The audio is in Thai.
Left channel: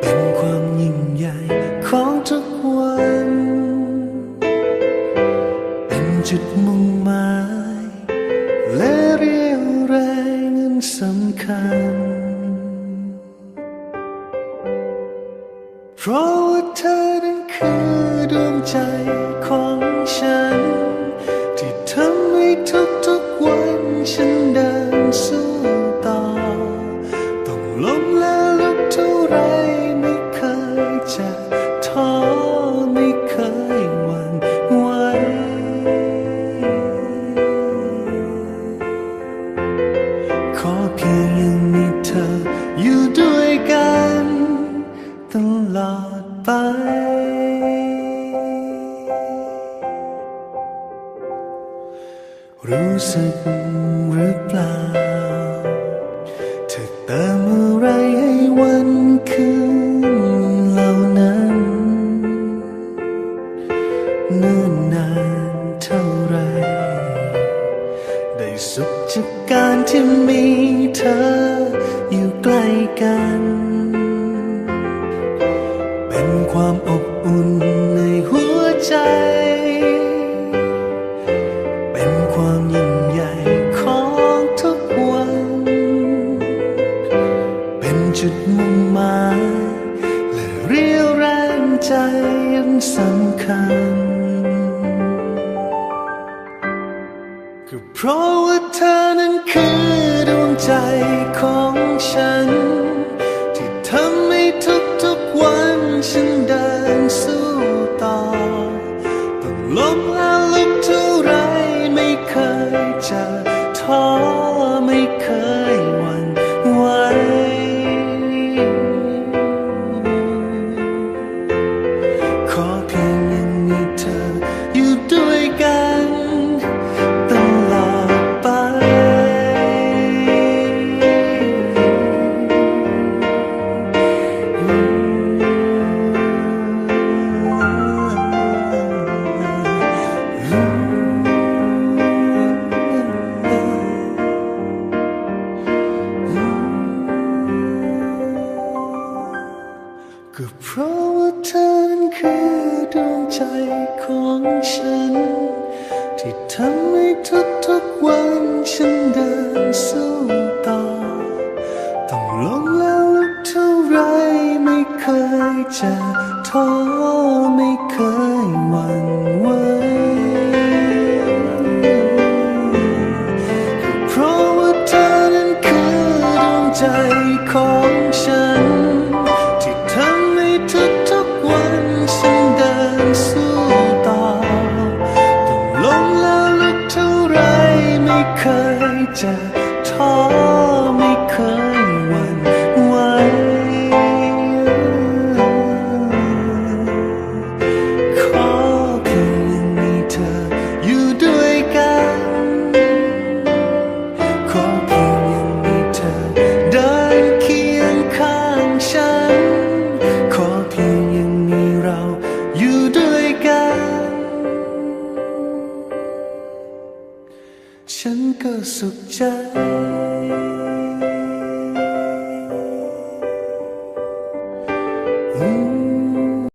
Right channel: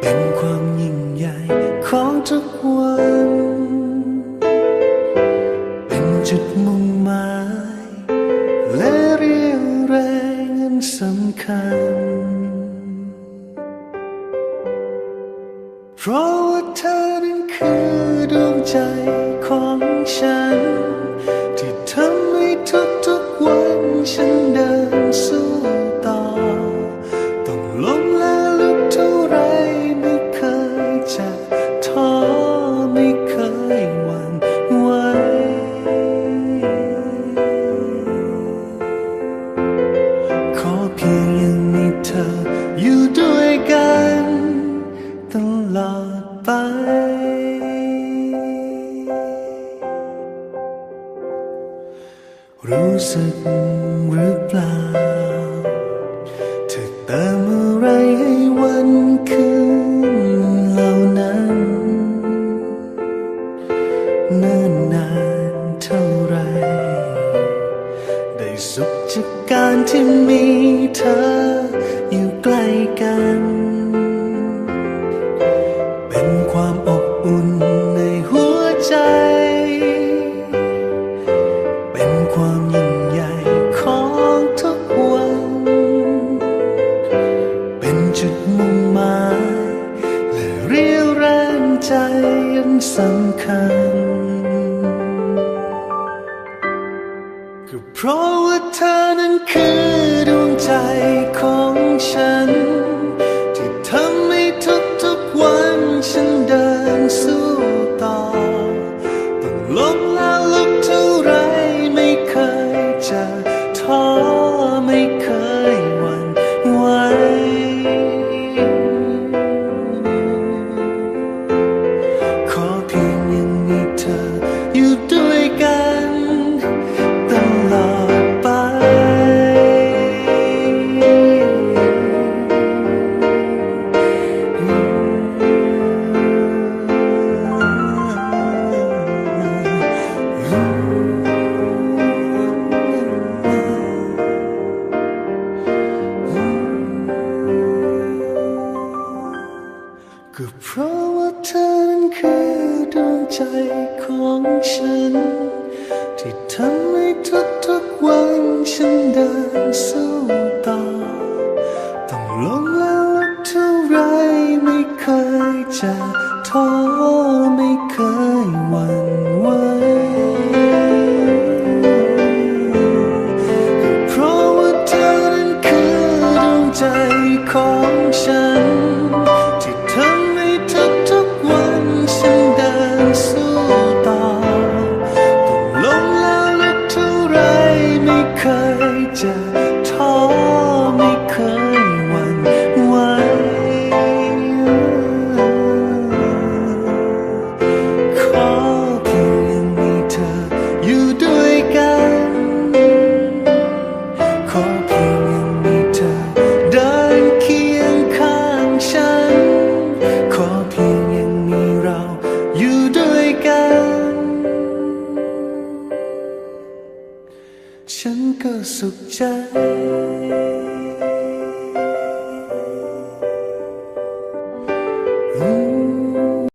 เป็นความยิ่งใหญ่ของทุกวัน เป็นจุดมุ่งหมาย และเรียวแรงอันสำคัญ เพราะว่าเธอนั้นคือดวงใจของฉัน ที่ทำให้ทุกๆวันฉันเดินสู้ เธออยู่ด้วยกันตลอดไป รู้สึกหรือเปล่าเธอเติม สุขจากการที่มีเธออยู่ใกล้กัน เป็นความอบอุ่นในหัวใจ เป็นความยิ่งใหญ่ของทุกวัน เป็นจุดมุ่งหมายและเรียวแรงใจอันสำคัญ ก็เพราะว่าเธอนั้นคือดวงใจของฉัน ที่ทำให้ทุกๆวันฉันเดินสู้ต่อ ต้องล้มแล้วลุกเท่าไรไม่เคยจะท้อไม่เคยหวั่นไหว ก็เพราะว่าเธอนั้นคือดวงใจของฉัน ที่ทำให้ทุกๆวันฉันเดินสู้ต่อ ต้องล้มแล้วลุกเท่าไร จะท้อไม่เคยหวั่นไหวก็เพราะว่าเธอนั้นคือดวงใจของฉัน ที่ทำให้ทุกๆวันฉันเดินสู้ต่อต้องล้มแล้วลุกเท่าไรไม่เคยจะท้อไม่เคย อเพียงยังมีเราอยู่ด้วยกัน ฉันก็สุขใจ